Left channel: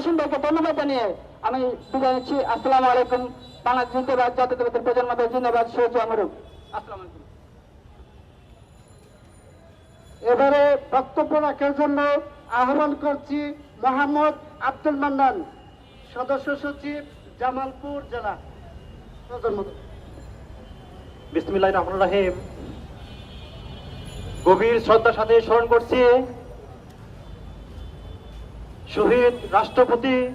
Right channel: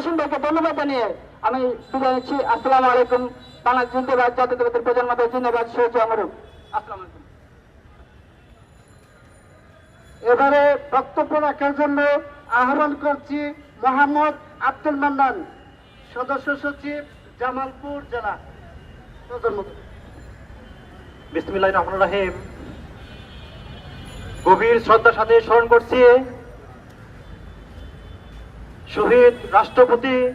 ভাইকে ধন্যবাদ জানিয়ে আমি বিদায় নিচ্ছি। আসসালামু আলাইকুম। বাংলাদেশ জিন্দাবাদ জাতীয়তাবাদের প্রজন্মদের জিন্দাবাদ সহ্য আমরুক আসসালামু আলাইকুম। এবারে বক্তব্য রাখার জন্য আহ্বান করছি মোহাম্মদ আব্দুল মান্নান সদস্য সচিব জামালপুর জেলা। বিসমিল্লাহ রহমান রাহিম। গভীর শ্রদ্ধার সাথে স্মরণ করছি শহীদ রাষ্ট্রপতি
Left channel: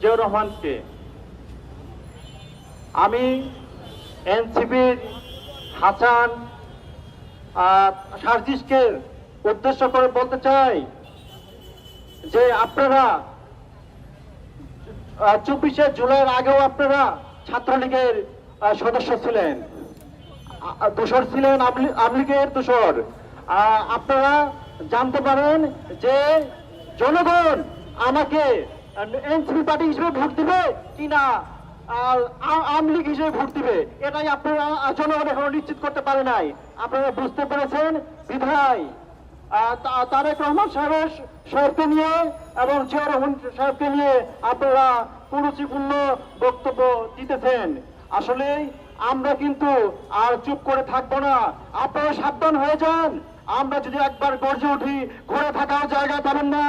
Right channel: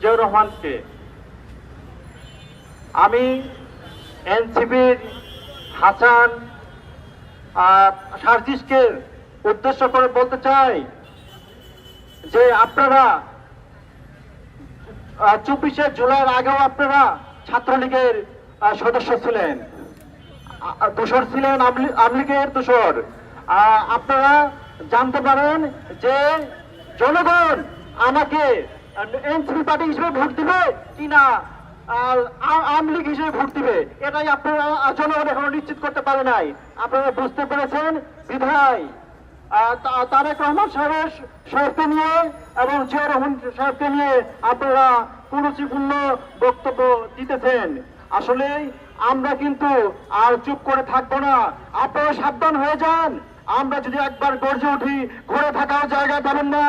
জিয়াউর রহমানকে। আমি এনসিপির হাসান সার্জিসকে উদ্দেশ্য করে বলতে চাই যে আপনারা চব্বিশে জুলাইয়ের আগেও আপনারা ছাত্রলীগের সদস্য ছিলেন। আ- ছিলেন আওয়ামী- লীগের আহ, আপনারা জানতে পারেন যে জনগণ, আমাকে এনসিপি পার্টি হিসেবে ভোট দিবে আর আ- আওয়ামী লীগ হিসেবে ভোট দিবে, এটাই আপনারা জনগণ এখনও নিশ্চিত করতে পারে নাই। আপনারা বুঝতে পেরেছেন? বিধায় তারেক রহমান সাহেব সাহেবকে নিয়ে এবং জিয়া রহমান সাহেবকে নিয়ে আপনারা কুরুচিপূর্ণ বক্তব্য দিতেছেন। আসলে আমরা কিন্তু আর চুপ করে থাকব না। আপনারা সাবধান হয়ে যান। আমরা যদি একবার গর্জে উঠি, ঘুরে থাকার জায়গা পাবেন না।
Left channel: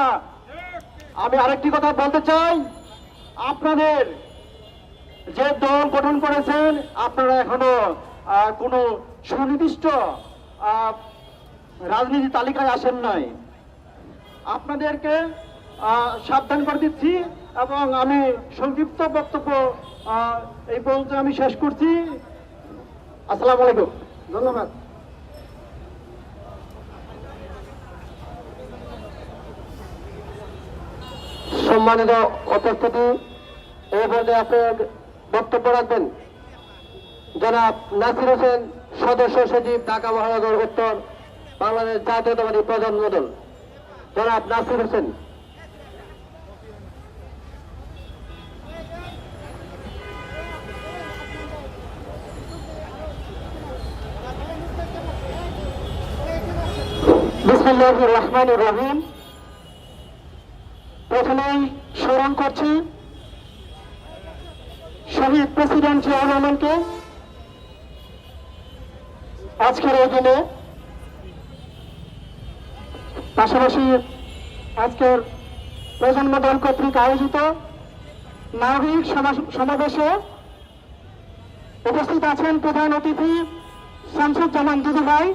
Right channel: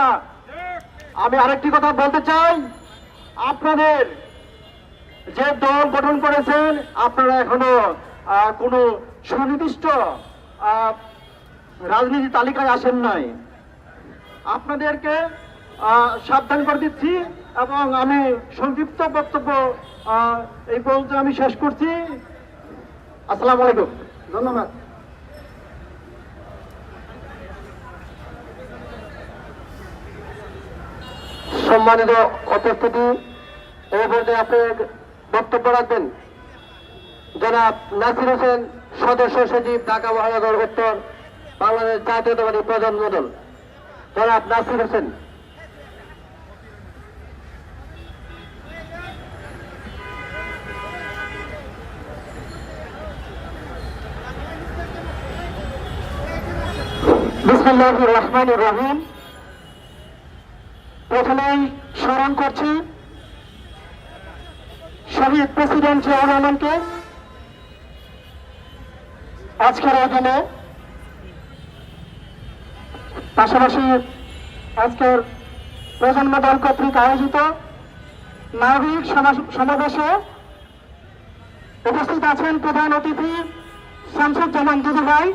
আমি আরেকটি কথা বলতে চাই। আপনাদের যে দল গঠন করেছেন, আপনারা এখনও কোনো সুনির্দিষ্ট রাজনীতি তালিকায় আসেন নাই। আপনাদেরকে সাবধান করে দিচ্ছি এবং আমি সংক্ষিপ্ত বক্তব্য এই পর্যন্ত আমি শেষ করছি। আসসালামু আলাইকুম। ধন্যবাদ। সম্মানিত উপস্থিতি, এই পর্যায়ে আপনি বক্তব্য রাখবেন। জনাব নাসির হোসেন, সদস্য সচিব, ঢাকা মহানগর উত্তর বাংলাদেশ জাতীয়তাবাদী প্রজন্ম দল। জনাব নাসির হোসেন। রহমানির রহিম। প্রথমেই স্মরণ করছি শহীদ প্রেসিডেন্ট জিয়াউর রহমানকে। আজকের এই দিনে পাশাপাশি আজকের প্রজন্ম দল কর্তৃক আয়োজিত নাগরিক সমাবেশে উপস্থিত আছেন প্রধান অতিথি শামসুজ্জামান দুদুভাই।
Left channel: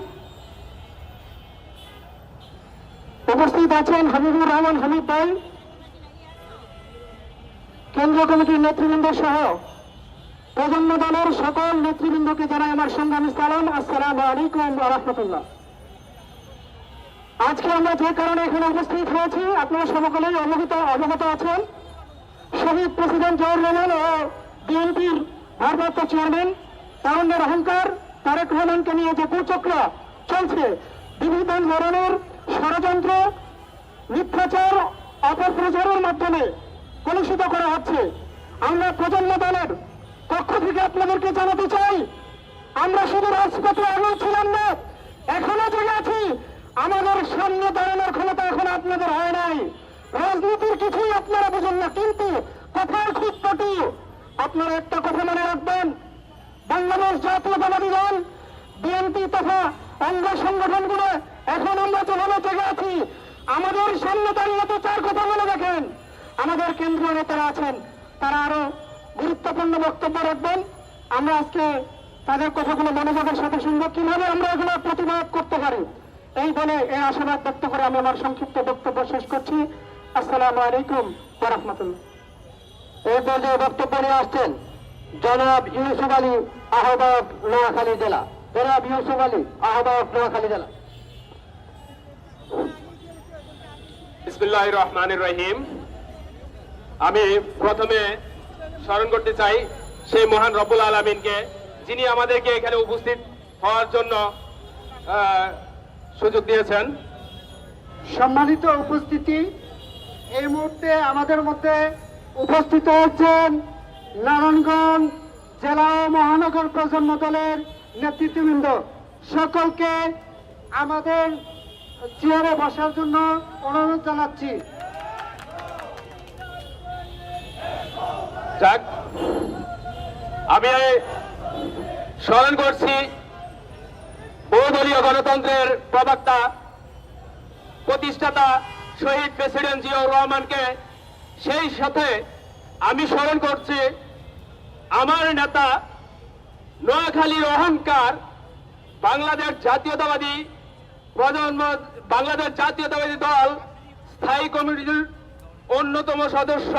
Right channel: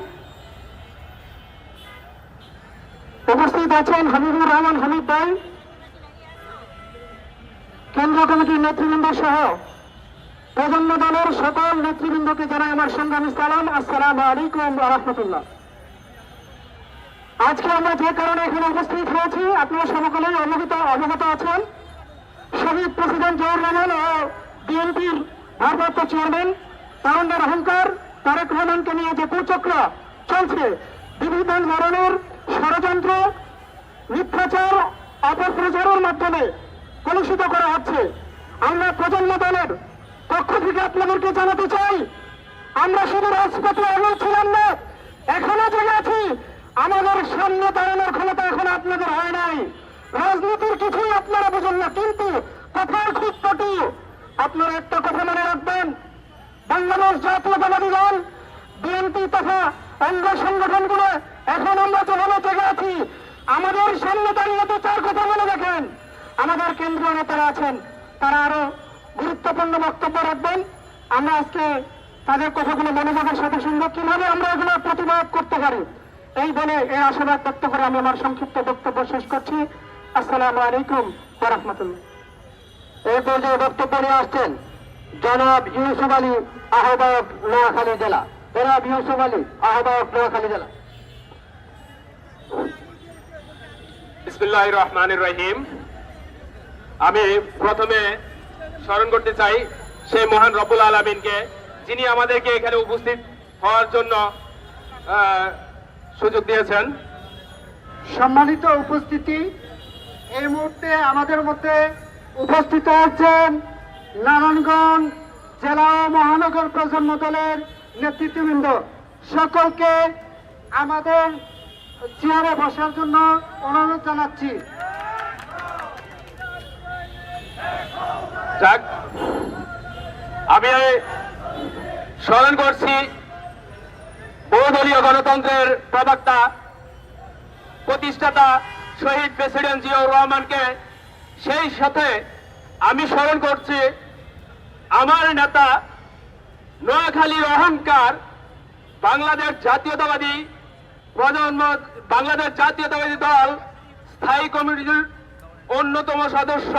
উপস্থিত আছেন হাবিবুর রহমান হামিদ ভাই। কেন্দ্রীয় কমিটির নেতৃবৃন্দ সহ প্রজন্ম দলের সকল নেতৃবৃন্দকে জানাই আমার সংগ্রামী সালাম। আসসালাম আলাইকুম রহমতুল্লাহ। আজকে আমরা যে কারণে এখানে উপস্থিত হয়েছি, আপনারা সকলেই অবগত অবগত আছেন। শহীদ প্রেসিডেন্ট জিয়াউর রহমান ও বিএনপির ভারপ্রাপ্ত চেয়ারম্যান তারুণ্যের অহংকার, তারেক রহমানকে নিয়ে যে কুচক্র চলছে বিভিন্ন ধরনের ষড়যন্ত্র, মিথ্যাচার, অপপ্রচারের মাধ্যমে কলুষিত করা হচ্ছে। আমরা প্রজন্ম দলের পক্ষ থেকে আপনাদেরকে জানাতে চাই, আমরা শুধু রাজপথে আগেও ছিলাম না, এখনও জেগে আছি। আমাদের সামনে দাঁড়ানোর ক্ষমতা এখন আপনাদের হয় নাই। রাজনীতির কিছুই আপনারা বুঝেন না, কিন্তু কথার খুব কটু। আপনারা একটা কথা মনে রাখবেন, বাংলাদেশ জাতীয়তাবাদী দল, বিএনপি তথা অঙ্গ সংগঠনগুলো এখন আমরা যেভাবে জেগে আছি, আমাদের সামনে দাঁড়িয়ে আমাদের কেন্দ্রীয় নেতারা আছেন তারা আরও গুরুত্বপূর্ণ বক্তব্য রাখবেন। আমরা আজকে তাদের কথাগুলো মনোযোগের সাথে শুনব। কীভাবে আমরা এগুলো প্রতিবাদ করতে পারি? এই বলে এই আশাবাদ ব্যক্ত করে আমি আমার সংক্ষিপ্ত বক্তব্য শেষ করছি। আসসালামু আলাইকুম রহমতুল্লাহ এই পর্যায়ে বক্তব্য নিয়ে আসছেন জনাব ইউসুফ আলী আহ্বায়ক নোয়াখালী জেলা। জনাব ইউসুফ আলী আহ্বায়ক নোয়াখালী জেলা। বিসমুল্লাহ রহমান রহিম। আমি প্রথমে স্মরণ করতে চাই সেই মহান রব্বুল আলমিনকে, যিনি আমাদেরকে এখানে উপস্থিত হওয়ার জন্য সুযোগ দিয়েছেন। সম্মানিত উপস্থিতি, এই মুহূর্তে আমাদের মধ্যে উপস্থিত হচ্ছেন নারায়ণগঞ্জ জেলা মহানগর প্রজন্ম দলের নেতৃত্ববৃন্দ। সকলকে আমাদের চেয়ারে বসার জন্য অনুরোধ জানাচ্ছি। যাক, আমি স্মরণ করছি বহুদলীয় গণতন্ত্রের প্রবক্তা, প্রতিষ্ঠাতা শহীদ প্রেসিডেন্ট জিয়াউর রহমানকে। সেই সাথে আমি স্মরণ করছি আমার নেতা নোয়াখালীর অহংকার, বাংলাদেশ জাতীয়তাবাদী প্রজন্ম, বাংলাদেশ জাতীয়তাবাদী দল, স্থায়ী কমিটির অন্যতম সদস্য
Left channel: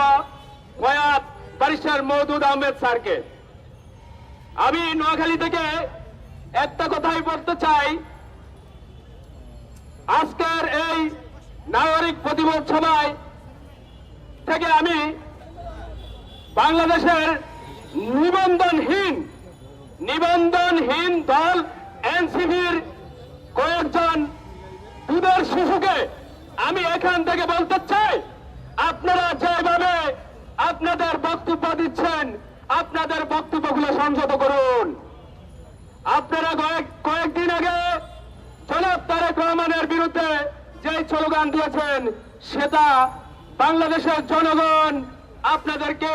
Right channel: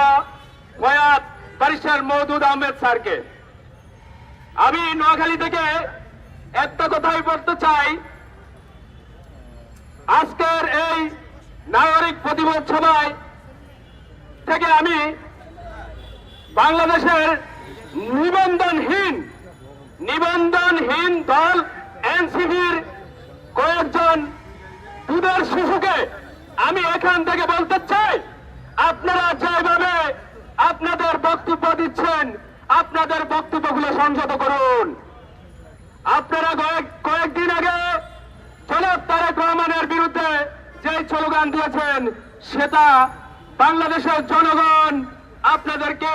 ফয়াদ ব্যারিস্টার মওদুদ আহমেদ স্যারকে। আমি নোয়াখালী থেকে একটা কথাই বলতে চাই। আজকের এই নাগরিক প্রতিবাদ সভায় থেকে আমি বাংলাদেশের নিবন্ধনহীন নিবন্ধনহীন দল এনসিবির কয়েকজন দুধের শিশুকে আমি এখান থেকে বলতে চাই। আপনাদের বক্তব্য দিচ্ছেন। আপনাদের বক্তব্যগুলো সংযত করুন। আপনারা কয়েকদিন আগে জনাব তারেক রহমানের বিরুদ্ধে যে স্লোগান দিয়েছেন, সেটা বাংলাদেশের জনগণ আপনাদেরকে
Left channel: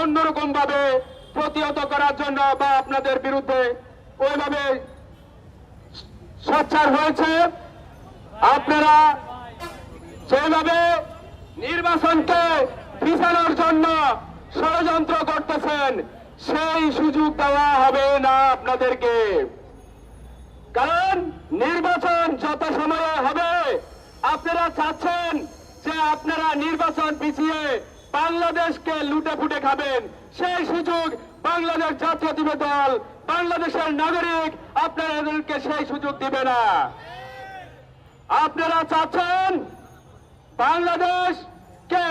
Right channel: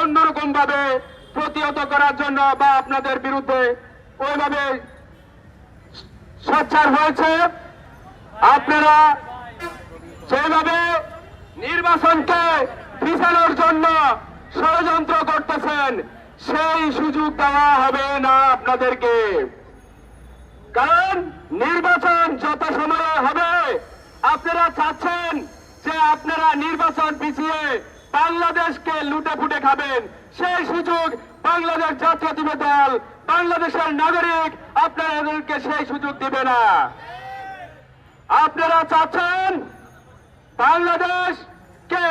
অন্যরকম ভাবে প্রতিহত করার জন্য বা আপনাদের বিরুদ্ধে ওইভাবে সোচ্চার হয়েছে। আপনারা সেইভাবে নির্বাচনকে ষড়যন্ত্র করতেছেন, সেই সুযোগ দেওয়া হবে না আপনাদেরকে। কারণ নির্বাচন যত সময়ে হবে, আপনারা চাচ্ছেন যে আপনারা নির্বাচন পিছিয়ে বাংলাদেশকে লুটে ফুটে খাবেন। সেই সুযোগ বাংলাদেশ জাতীয় দল, বাংলাদেশের নাগরিক আপনাদেরকে সেই সুযোগ দিবে না। আপনারা চাচ্ছেন বাংলাদেশকে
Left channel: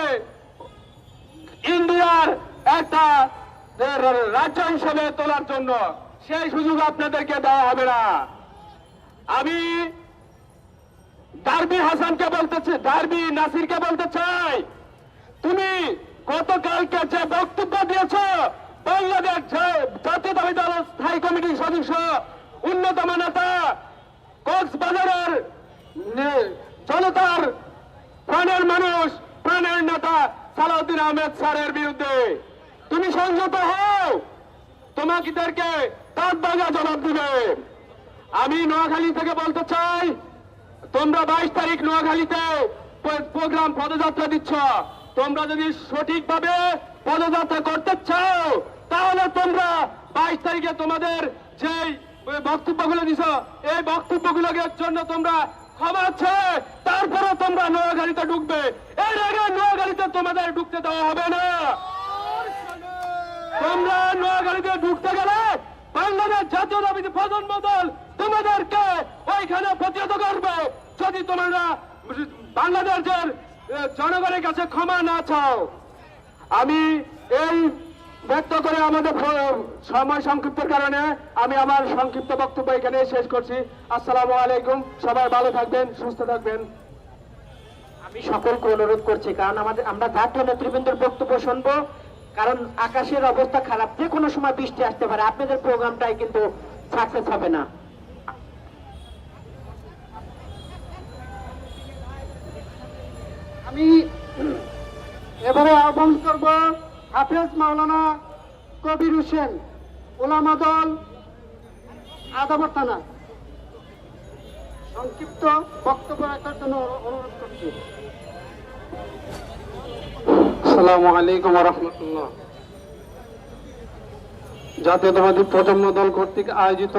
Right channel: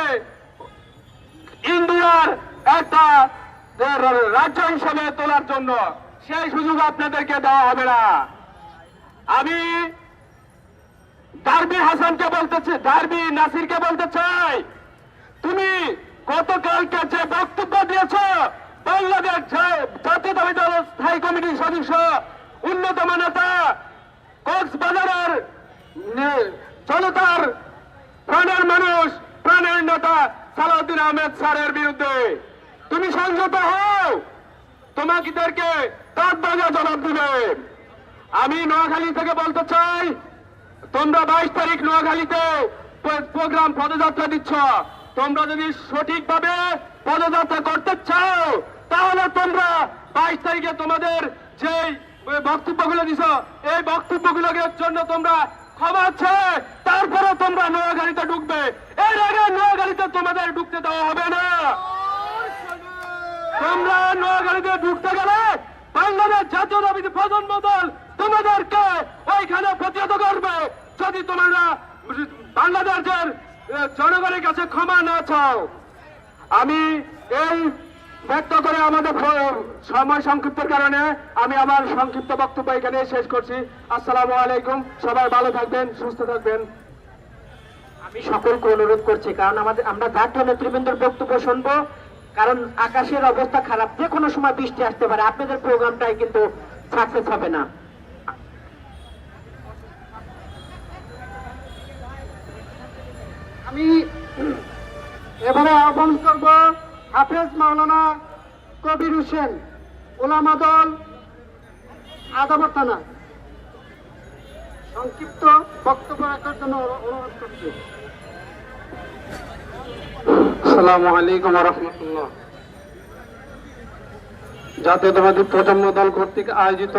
ইন্ডিয়ার একটা রাজ্য হিসেবে তোলার জন্য সেই সুযোগ আপনাদেরকে দেওয়া হবে না। আমি ডারবি হাসানকে বলতে চাই ডারবি নাসিরকে বলতে চাই। তুমি গতকালকে যে বক্তব্য দিয়েছ, বাংলাদেশ জা- জাতীয়তাবাদী স্থায়ী কমিটির সদস্য, অন্যতম নেতা, কক্সবাজারের জনতার প্রাণের মানুষ, প্রাণের নেতা সালাউদ্দিন আহমেদ স্যারের বিরুদ্ধে। তুমি সংযত হও। তোমাদেরকে তার বাজা জবাব দিবে। আমি নোয়াখালী থেকে বলতে চাই, তোমরা বাইশ তারিখ নোয়াখালীতে প্রোগ্রাম পদযাত্রা দিচ্ছ। তোমরা যদি সঠিকভাবে পদযাত্রা করতে চাও, তাহলে তোমরা বাইশ তারিখে তোমাদের যে বক্তব্যগুলো দিছ, এই বক্তব্যগুলোর জন্য তোমরা ক্ষমা ছেড়ে তারপরে তোমরা নোয়াখালীতে ঢুকবে। নোয়াখালীতে তোমাদের ঢুকতে দেওয়া হবে না। তোমরা নোয়াখালীতে ঢুকতে গেলে বাংলাদেশ জাতীয়তাবাদী প্রজন্ম দল তোমাদেরকে ওইখানে প্রতিহত করবে। যদি তোমরা বাংলাদেশের জনগণের কাছে ক্ষমা না চাও, আমি এই ব্যক্ত করে আমাদের সময় সংক্ষিপ্তের কারণে আমি আমার সংক্ষিপ্ত বক্তব্য এখানে শেষ করছি। আসসালামু আলাইকুম, সবাই ভালো থাকবেন, সুস্থ থাকবেন। আমি সকলকে অনুরোধ করছি, কারণ আমাদের, আমরা জাতীয় নেতৃবৃন্দের বক্তব্য শুনব, কারণ আকাশের অবস্থা খারাপ, যে কোনো সময় বৃষ্টি আসতে পারে, আপনাদের প্রোগ্রামটাই কিন্তু সাকসেস হবে না। আমি এবারে আহ্বান করব হাফেজ মাওলানা কবির হোসেন, ওলামা দল, আদাবর থানা। সংক্ষিপ্ত বক্তব্য রাখার জন্য অনুরোধ করছি। আসসালামু আলাইকুম রহমতুল্লাহ জাতীয়তাবাদী প্রজন্ম দল কর্তৃক আয়োজিত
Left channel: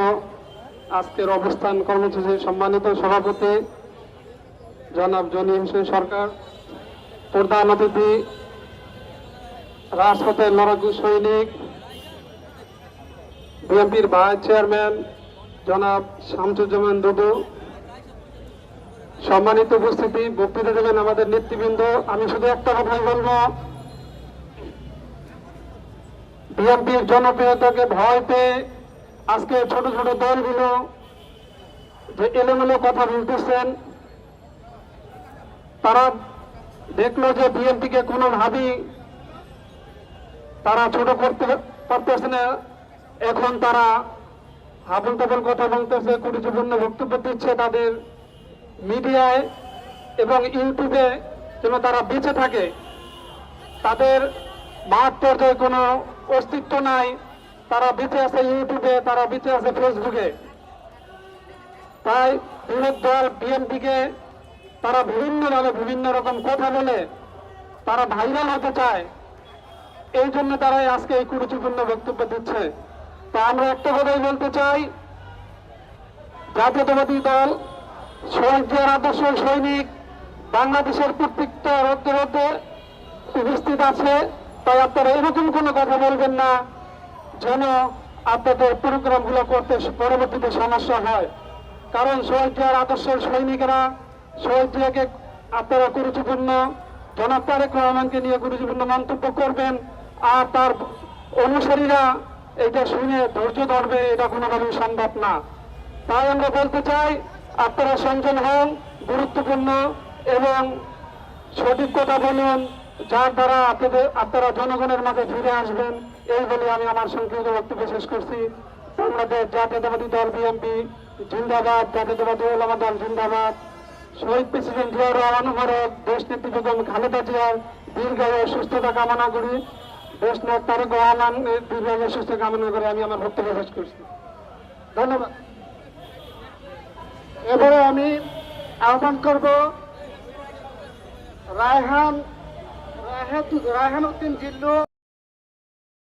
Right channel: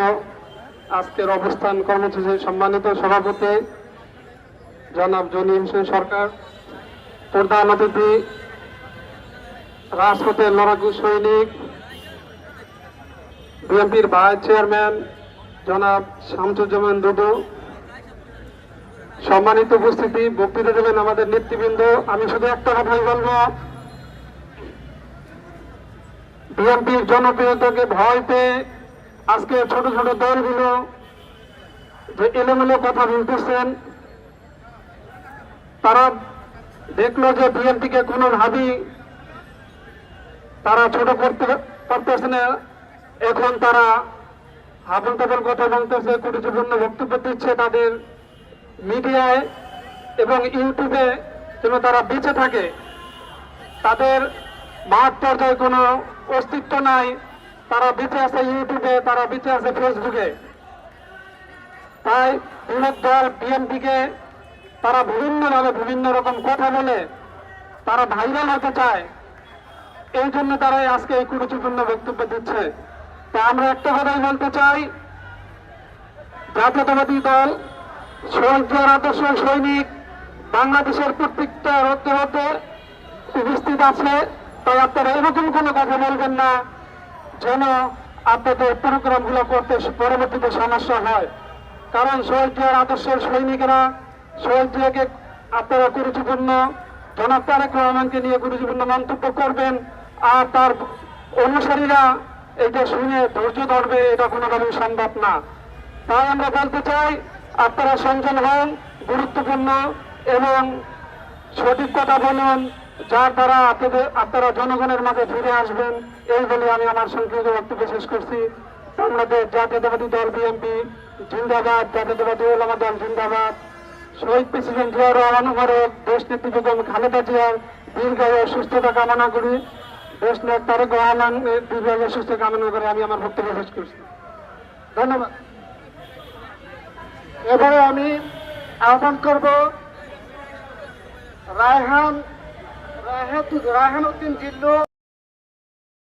আজকের অবস্থান কর্মসূচির সম্মানিত সভাপতি জনাব জনি হোসেন সরকার, প্রধান অতিথি, রাজপথের লড়াকু সৈনিক, বিএনপির ভাইস চেয়ারম্যান জনাব শামসুজ্জামান দুদু সম্মানিত উপস্থিতি, বক্তৃতা দেবেন আমাদের নেতৃবৃন্দ। আমি শুধু একটা কথাই বলব। বিএনপির জনপ্রিয়তাকে ভয় পেয়ে আজকে ছোট ছোট দলগুলো যে এলোমেলো কথা বলতেছেন, তারা দেখল যে বিএনপিকে কোনোভাবেই তারা ছোট করতে পারতেছে না। এখন তারা হাবল তাবল কথা বলতেছে কুটিপূর্ণ বক্তব্য দিচ্ছে তাদের। মিডিয়ায় এবং ইউটিউবে যেন তারা বেঁচে থাকে, তাদের বাহাত্তর কোনো অস্তিত্ব নাই, তারা বেঁচে আছে ইউটিউবে, তারা বেঁচে আছে ফেসবুকে। তাই বিরোধ দল বিএনপিকে তারা বিভিন্নভাবে বিভিন্ন রকম কথা বলে তারা ভাইরাল হতে চায়। এই জন্য তারা আজকে এই গুরুত্বপূর্ণ বক্তব্য দিচ্ছে। তা আমরা একটা কথাই বলতে চাই, জাতীয়তাবাদী দল শহীদের আদর্শ সৈনিক বাংলাদেশের প্রত্যেকটা রক্তে রক্তে উপস্থিত আছে। তাই আপনারা এরকম কোনো কথা বলবেন না যেন আপনাদের প্রোগ্রামগুলো করতে পরবর্তীতে সমস্যা হয়। কারণ শহীদের আদর্শের সৈনিকেরা শহীদকে আপনারা গুরুত্বপূর্ণ, জনাব রহমানকে নিয়ে গুরুত্বপূর্ণ মন্তব্য করবেন আর তার অনুসারীরা এটা শুনে ধৈর্য ধরবে, এটা কোনোভাবেই সম্ভব না। তাই আমরা বলতে চাই আপনারা সংযম হন, গুরুত্বপূর্ণ এবং সঠিক কথা বলুন, যার দ্বারা আপনাদের আপনারা জনগণের মাঝে ফিরে আসবেন। এই বলে আমি আমার সংক্ষিপ্ত বক্তব্য শেষ করছি। বাংলাদেশ জাতীয়তাবাদী দল বিএনপি, জিন্দাবাদ, জাতীয়তাবাদী ওলামা দল জিন্দাবাদ। শহীদ প্রেসিডেন্ট জিয়াউর রহমান মোবারক, দেশ নেত্রী খালেদা জিয়ার দীর্ঘায়ু সুস্থতা কামনা করি। দেশ নেতা তারেক রহমানের দীর্ঘায়ু সুস্থ কামনা করে আমি আমার বক্তব্য শেষ করছি। ধন্যবাদ। এবারে আমি আহ্বান করব রায়হান রায়হান- উদ্দিন জিল্লু